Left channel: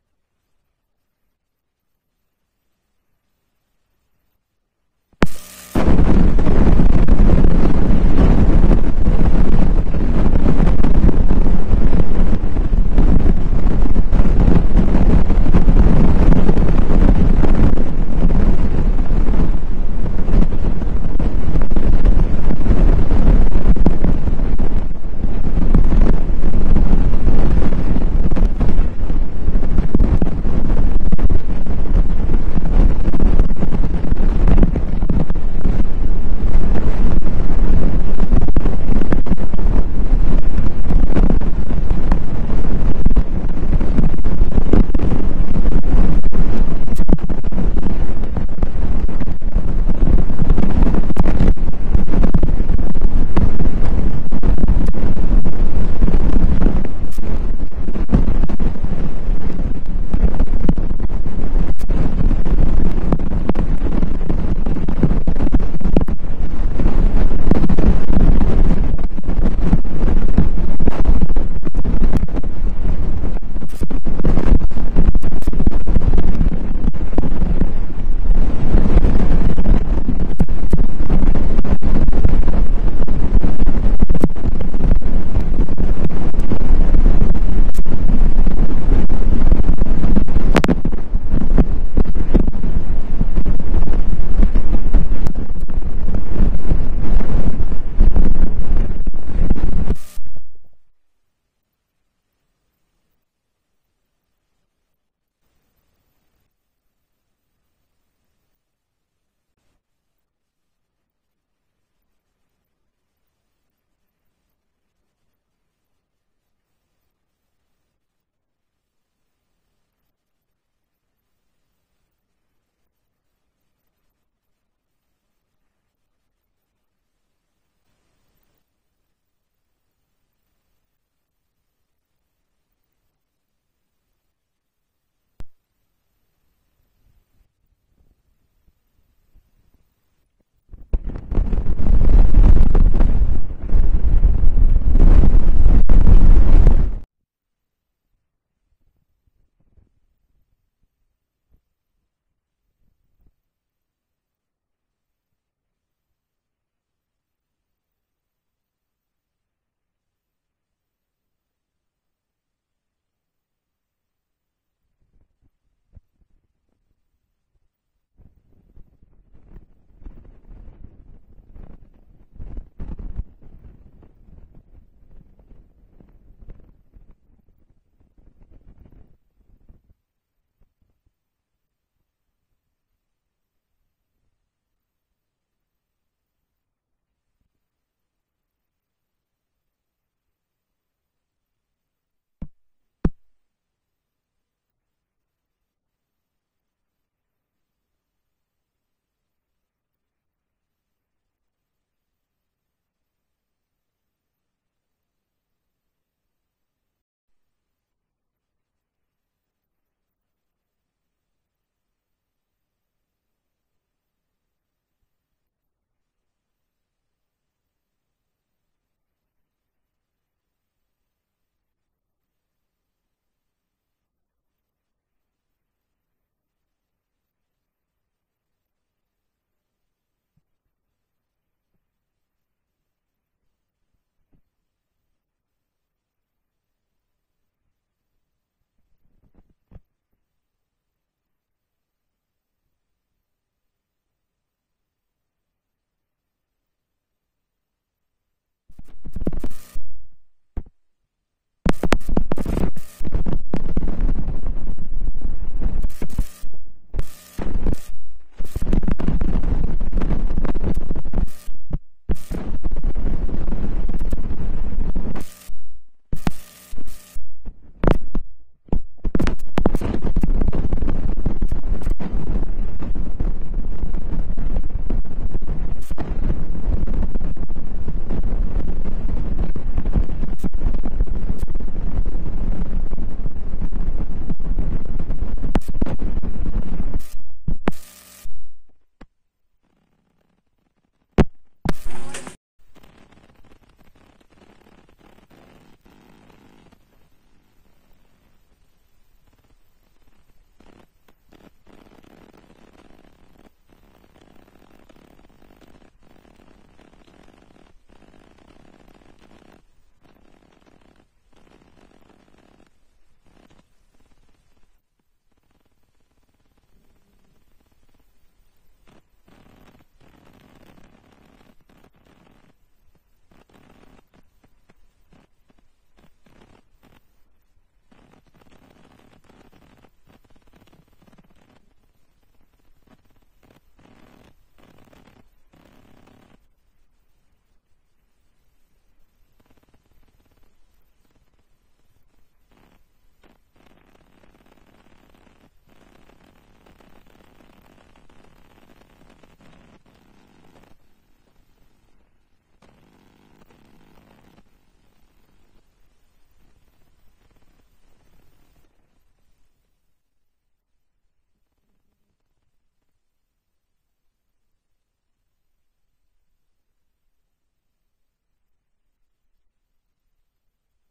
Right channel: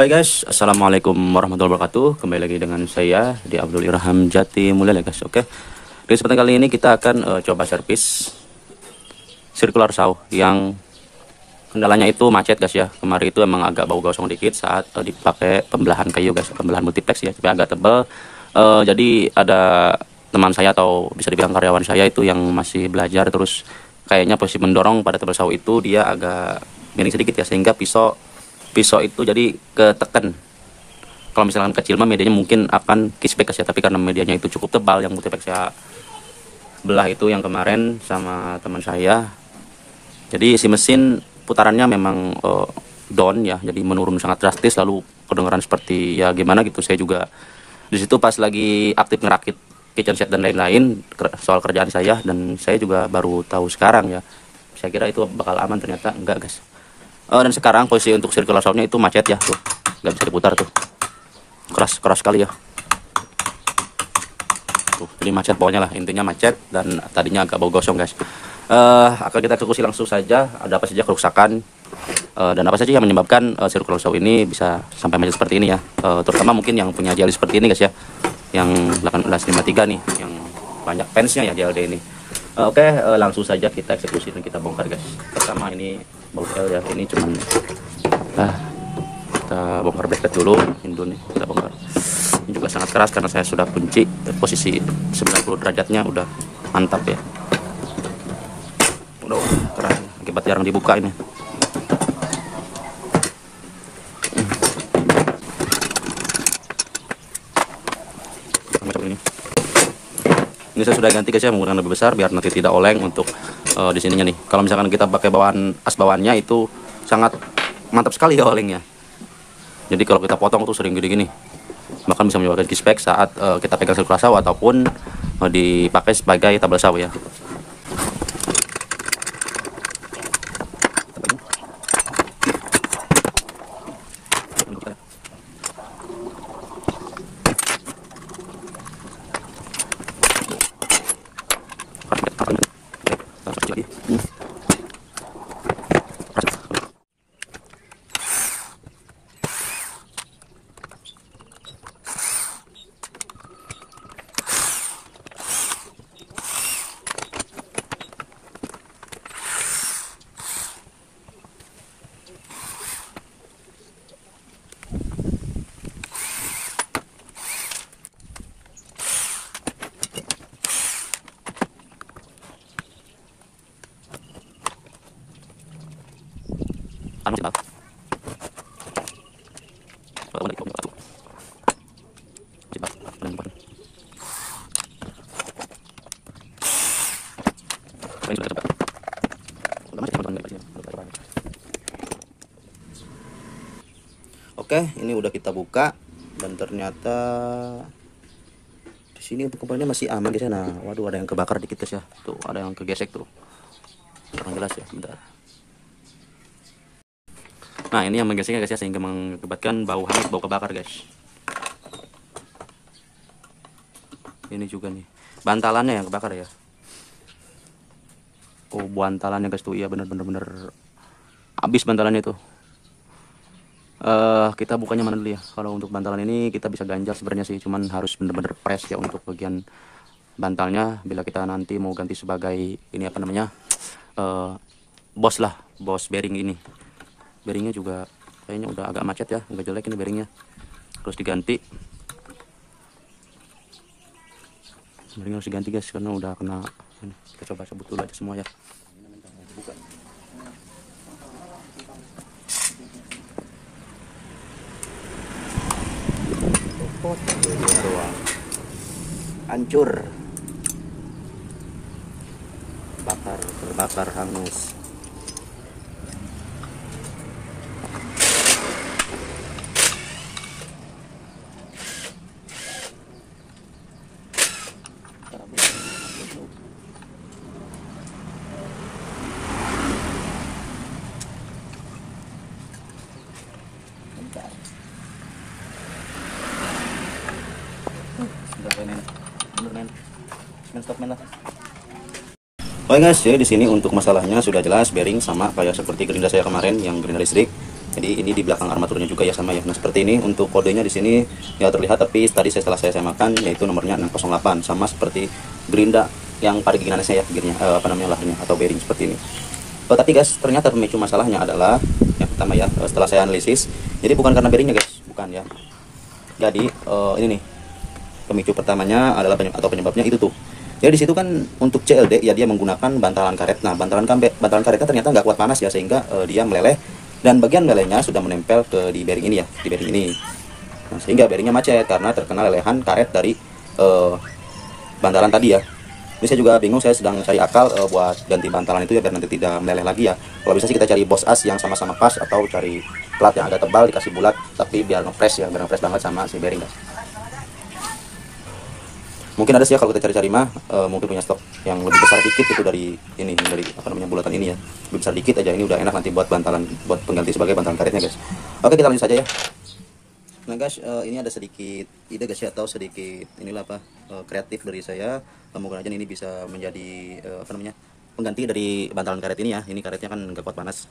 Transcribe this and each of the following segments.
Oke guys, assalamualaikum warahmatullahi wabarakatuh. Kembali lagi dengan saya di Abdul Irham Jati Mulia guys. Oke, di kesempatan kali ini kita akan coba servis circular saw yang kendalanya itu macet guys ya. Kemarin itu emang agak bau gosong dikit saat dipakai pembelahan kayu guys, pembelahan multiplex ya, tapi agak tebal. Jadi ada teman saya atau bisa dibilang karyawan saya itu yang masih belajar, terus kayaknya posisi mendorong pada tebal saw itu dia agak miring sedikit ya, sehingga pisau itu jadi ketekan. Kalau misalkan kecil mah medianya mungkin akan kispek ya, tapi karena medianya itu cukup tebal, yang multiplex ya belah itu yang kemarin sama teman saya, jadi si mesin putarannya memang down ya, jadi menurun sangat drastis, lalu kedengaran seperti ya gimana gitu. Saya juga di situ pas lagi aktif ngerakit kitchen set dan lain-lain soal kerjaan saya, dan saya juga baru tahu sekarang ya. Saya kira itu bakal aman, ternyata enggak guys. Dan sekarang posisi untuk circular saw-nya itu macet ya, tuh nggak bisa diputar tuh, keras sekali ya. Ini macet pokoknya lah, intinya macet, dan tadinya agak bau gosong guys. Akan kita eksekusi langsung saja, ada apa saja kerusakan dan apa saja yang menyebabkan circular saw ini bisa sampai macet seperti ini ya. Terutama mungkin yang punya JLD seperti ini guys ya, yang 1853 nih, yang banyak fansnya ya JLD ini. Oke, langsung saja kita eksekusi dan kita bongkar guys. Pertama ini ya, ini cuma kita bongkar bracket dulu, kita bongkar. Ini juga sangat keras karena saya sudah kunci posisi 90 derajatnya, udah mantap ya. Udah keren, akibat jarang dibuka ini. Macam ini saya sudah ganti guys ya, menggunakan lebih besar biar nanti tidak oleng untuk di sininya nih. Kalau misalkan kita pakai as bawaannya itu sangat mantap sekali ya olengnya. Jadi kalau kita potong tuh sering gini-gini, bahkan bisa menyebabkan kispek saat kita pegang circular saw ataupun dipakai sebagai tabel saw ya. Oke, ini udah kita buka dan ternyata di sini untuk komponennya masih aman guys ya. Nah, waduh, ada yang kebakar dikit guys ya. Tuh, ada yang kegesek tuh. Kurang jelas ya, bentar. Nah, ini yang menggeseknya guys ya, sehingga mengakibatkan bau hangat, bau kebakar guys. Ini juga nih, bantalannya yang kebakar ya. Oh, bantalannya guys tuh, iya bener habis bantalannya tuh. Kita bukanya mana dulu ya. Kalau untuk bantalan ini kita bisa ganjal sebenarnya sih, cuman harus bener-bener press ya untuk bagian bantalnya bila kita nanti mau ganti sebagai ini apa namanya, bos bearing ini. Bearingnya juga kayaknya udah agak macet ya, agak jelek ini bearingnya, terus diganti. Bearingnya harus diganti guys karena udah kena ini. Kita coba sebut dulu aja semua ya. Buka. Hancur, bakar hangus. Oke guys, jadi di sini untuk masalahnya sudah jelas, bearing sama kayak seperti gerinda saya kemarin yang gerinda listrik. Jadi ini di belakang armaturnya juga ya sama ya. Nah seperti ini untuk kodenya di sini ya terlihat, tapi tadi setelah saya samakan yaitu nomornya 608, sama seperti gerinda yang pada gigirannya ya, gearnya lahirnya atau bearing seperti ini. Tapi guys, ternyata pemicu masalahnya adalah yang pertama ya, setelah saya analisis, jadi bukan karena bearingnya guys, bukan ya. Jadi ini nih pemicu pertamanya adalah penyebabnya itu tuh. Jadi di situ kan untuk CLD ya dia menggunakan bantalan karet. Nah bantalan karetnya ternyata nggak kuat panas ya, sehingga dia meleleh, dan bagian melelehnya sudah menempel di bearing ini ya, di bearing ini. Nah, sehingga bearingnya macet karena terkena lelehan karet dari bantalan tadi ya. Ini saya juga bingung, saya sedang cari akal buat ganti bantalan itu ya biar nanti tidak meleleh lagi ya. Kalau bisa sih kita cari bos as yang sama-sama pas, atau cari plat yang agak tebal dikasih bulat, tapi biar ngepres ya, biar ngepres banget sama si bearing guys. Mungkin ada sih ya kalau kita cari-cari mah, mungkin punya stok yang lebih besar dikit itu dari ini, dari bulatan ini ya, lebih besar dikit aja. Ini udah enak nanti buat bantalan, buat pengganti sebagai bantalan karetnya guys. Oke, kita lanjut saja ya. Nah guys, ini ada sedikit ide guys ya, atau sedikit inilah kreatif dari saya. Mungkin aja ini bisa menjadi pengganti dari bantalan karet ini ya. Ini karetnya kan nggak kuat panas.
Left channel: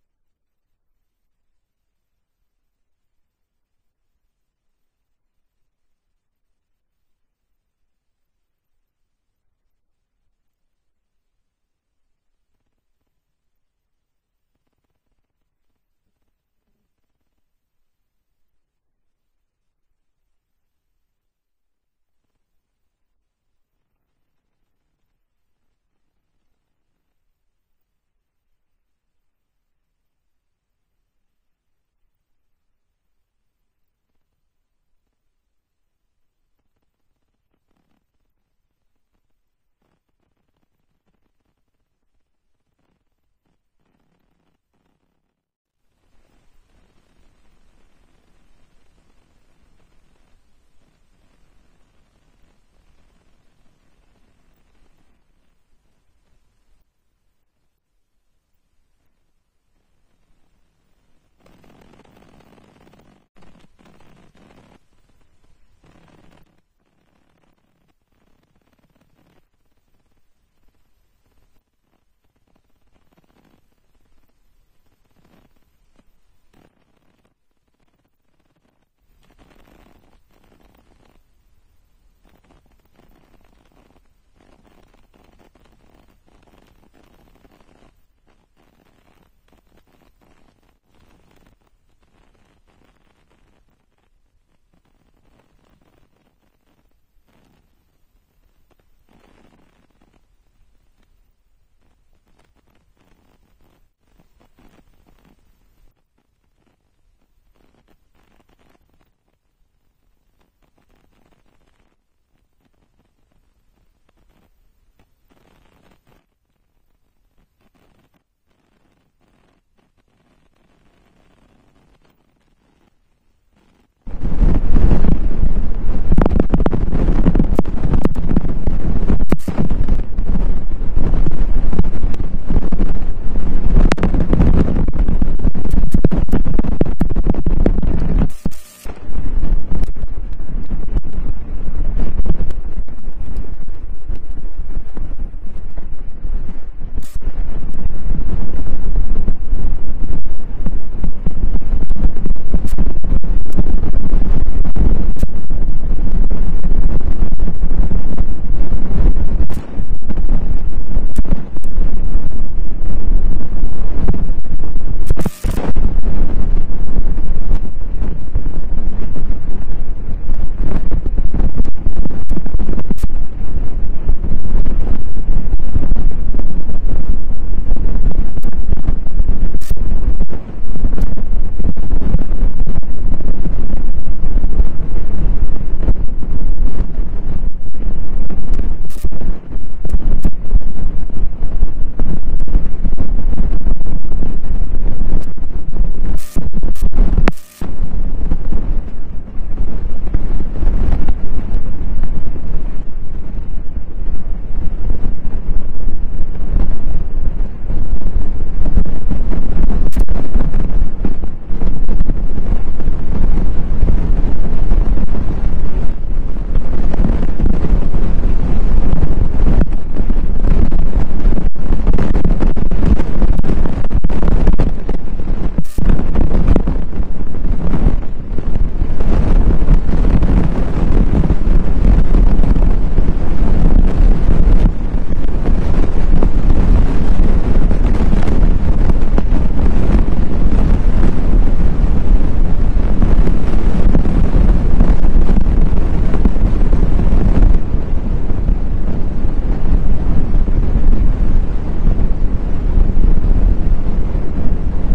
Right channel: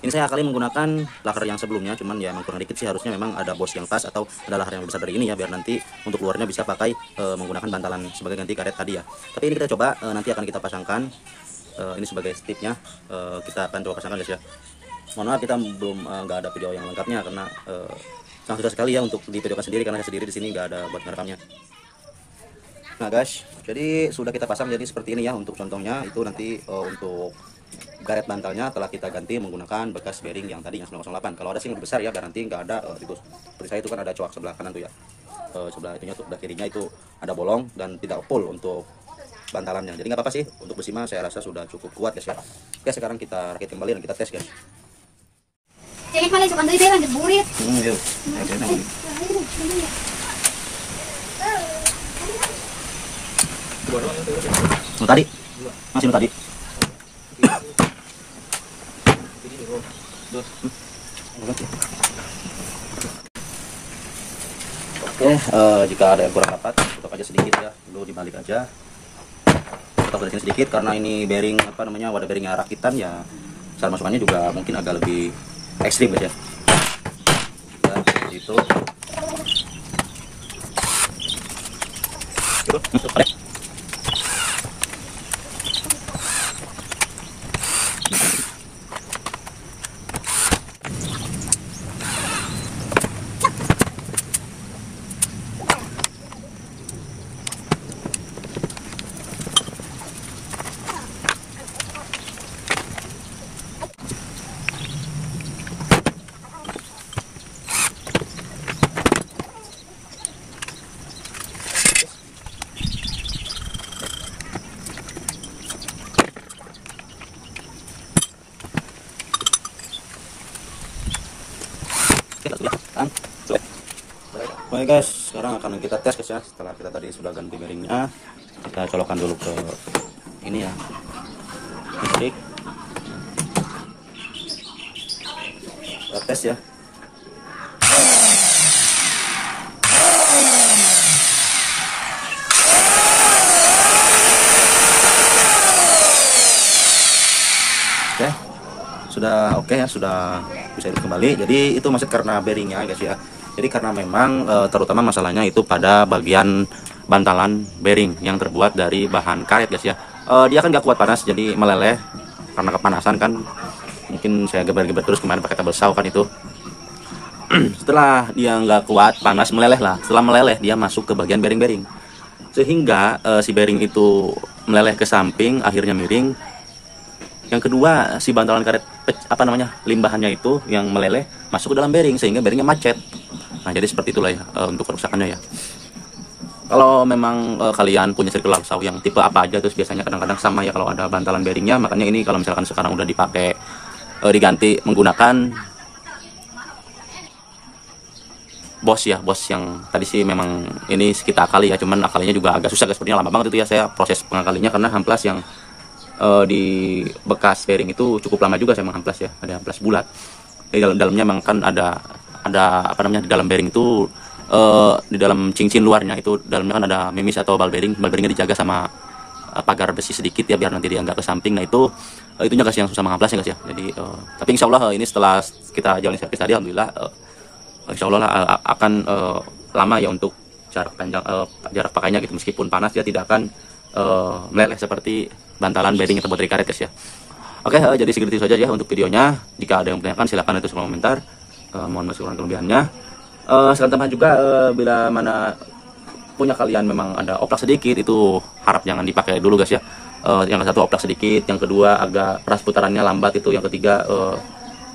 Ini saya kali menggunakan lakar yang sebelumnya, cuman ya emang kurang dikit sih, harusnya memang ada bos yang pas atau ada lakar yang lebih besar dari ini ya, biar nanti untuk luarnya bisa pakai menggunakan bantalan sebagai ganti karet tadi ya. Tapi ini kita coba nanti akan kita pasangkan, ini sebagai stepnya, kita akan coba pasangkan guys ya. Mohon maaf kita belum nggak ada video yang lengkapnya karena sangat susah sekali ya untuk divideokan sendiri, karena saya sendiri di sini nggak ada buat ngerekamnya. Nah guys, jadi sudah kita pasang jadi seperti ini ya. Untuk contohnya itu nanti untuk karet bantalnya telah kita ganti menggunakan bekas bearing yang tadi yang 908. Kalau ada sih yang lebih besar ya, biar nanti nggak ada itu. Seperti saya itu kan ada coak sebelah kanan tuh ya, sebelah itunya tuh, sebelah kirinya itu ada bolong dan tidak full untuk bantalannya. Jadi nggak apa-apa sih, untuk besi mah saya rasa sudah cukup kuat guys ya. Oke, sekarang kita rakit kembali dan kita tes guys. Cengek malah suka dari dia lanjut burit. Yuk. Tadi masih tadi. Oke, jika ada yang kurang rapat, tutup aja sedikit ya, dulu dibalik aja. Tutup dari sini sedikit karena ini bearing wadah bearingnya rakitan ya. Cara masukannya juga mungkin agak lebih ekstrim guys ya. Ya, seperti itu. Baik guys, sekarang akan kita tes guys ya. Setelah kita tadi sudah ganti bearingnya, kita colokkan dulu ke ini ya. Oke, kita tes ya. Oke, sudah oke ya, sudah bisa hidup kembali. Jadi itu masih karena bearingnya guys ya. Jadi karena memang terutama masalahnya itu pada bagian bantalan bearing yang terbuat dari bahan karet guys ya. Dia kan gak kuat panas, jadi meleleh karena kepanasan kan. Mungkin saya geber-geber terus kemarin pakai tabel saw kan itu. Setelah dia nggak kuat panas, meleleh lah. Setelah meleleh dia masuk ke bagian bearing-bearing, sehingga si bearing itu meleleh ke samping, akhirnya miring. Yang kedua, si bantalan karet limbahannya itu yang meleleh masuk ke dalam bearing sehingga bearingnya macet. Nah, jadi seperti itulah ya untuk kerusakannya ya. Kalau memang kalian punya circular saw yang tipe apa aja, terus biasanya kadang-kadang sama ya kalau ada bantalan bearingnya. Makanya ini kalau misalkan sekarang udah dipakai diganti menggunakan bos ya, bos yang tadi sih memang ini kita akali ya, cuman akalinya juga agak susah guys, sepertinya lama banget itu ya saya proses pengakalinya karena amplas yang di bekas bearing itu cukup lama juga saya mengamplas ya, ada amplas bulat. Di dalamnya memang kan ada di dalam bearing itu di dalam cincin luarnya itu dalamnya kan ada mimis atau bal bearingnya dijaga sama pagar besi sedikit ya biar nanti dia nggak ke samping. Nah itunya guys yang susah mengamplas ya guys ya. Jadi tapi Tapi insya Allah ini setelah kita jalani servis tadi, alhamdulillah insya Allah akan lama ya untuk jarak pakainya gitu. Meskipun panas dia tidak akan meleleh seperti bantalan bearing atau baterai karet guys ya. Oke, jadi segitu saja ya untuk videonya. Jika ada yang bertanyakan silahkan itu semua komentar. Mohon maaf kurang kelebihannya. Sekalian tambah juga bila mana punya kalian memang ada oplak sedikit, itu harap jangan dipakai dulu guys ya. Yang satu oplak sedikit, yang kedua agak ras putarannya lambat, itu yang ketiga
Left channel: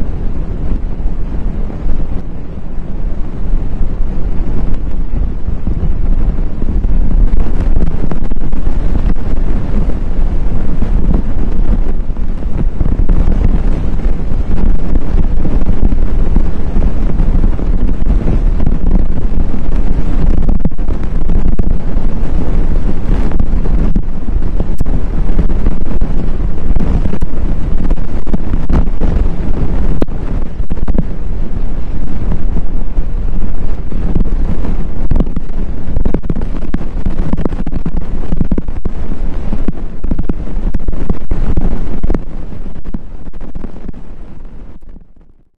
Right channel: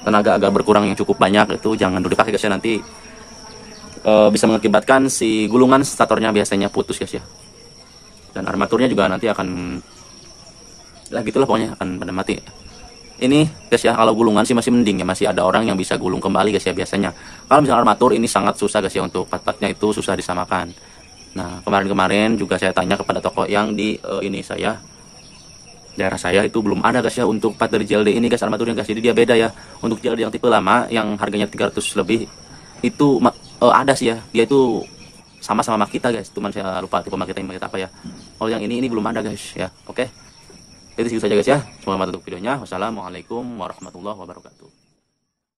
tenaga agak berkurang yang cukup banyak, itu jangan dulu dipakai guys ya. Nanti bisa mengakibatkan si gulungan statornya biasanya putus guys ya, dan armaturnya juga nanti akan gitulah pokoknya akan pada mati. Ini guys ya, kalau gulungan sih masih mending ya, masih ada orang yang bisa gulung kembali guys ya biasanya. Kalau misalnya armatur ini sangat susah guys ya, untuk part-partnya itu susah disamakan. Nah, kemarin-kemarin juga saya tanya kepada toko yang di daerah saya itu belum ada guys ya untuk part dari JLD ini guys, armaturnya guys. Jadi dia beda ya. Untuk JLD yang tipe lama yang harganya 300 lebih itu ada sih ya, dia itu sama-sama Makita guys, cuman saya lupa itu Makita yang apa ya. Kalau yang ini belum ada guys ya. Oke, jadi segitu saja guys ya. Semoga bermanfaat untuk videonya. Wassalamualaikum warahmatullahi wabarakatuh.